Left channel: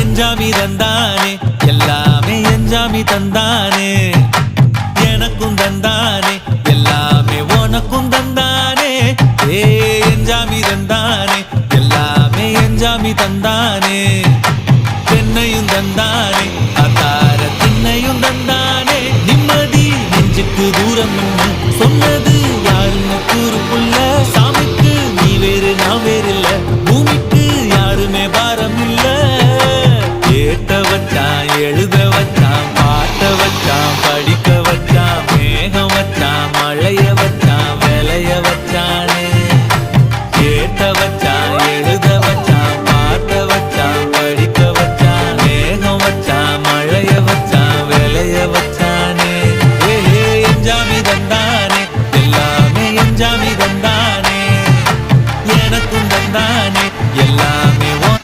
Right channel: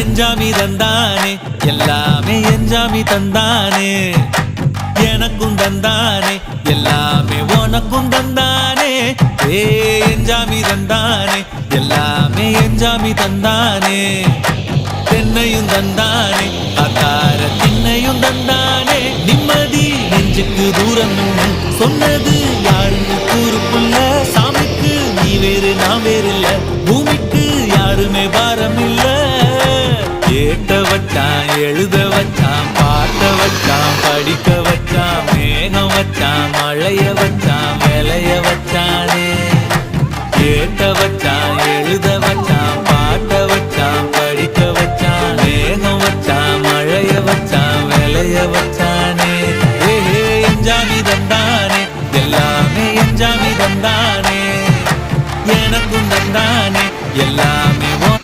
எஞ்சாமி தந்தானே எல்லாமே எஞ்சாமி தந்தானே எனக்கும் தந்தானே எல்லாமே உனக்கும் தந்தானே ஏ எஞ்சாமி தந்தானே எல்லாமே எஞ்சாமி தந்தானே தென்னையும் தந்தானே காத்தார திண்ணையும் தந்தானே நிம்மதி நெஞ்சுக்கு தூரம் சொன்னது யாருன்னு கூறுப்புள்ள சாமிக்கு நீ வேறு நான் வேறு இல்ல பூமிக்கு யாருமே பாரம் இல்ல ஏட்ட வச்சான் எழுத வச்சான் பாட்ட வச்சான் படிக்க வச்சான் மேகம் வச்சான் மழைய வச்சான் விளைய வச்சானே ஏட்ட வச்சான் எழுத வச்சான் பாட்ட வச்சான் படிக்க வச்சான் மேகம் வச்சான் மழைய வச்சான் விளைய வச்சானே ஏஹே எஞ்சாமி தந்தானே எல்லாமே எஞ்சாமி தந்தானே எனக்கும் தந்தானே எல்லாமே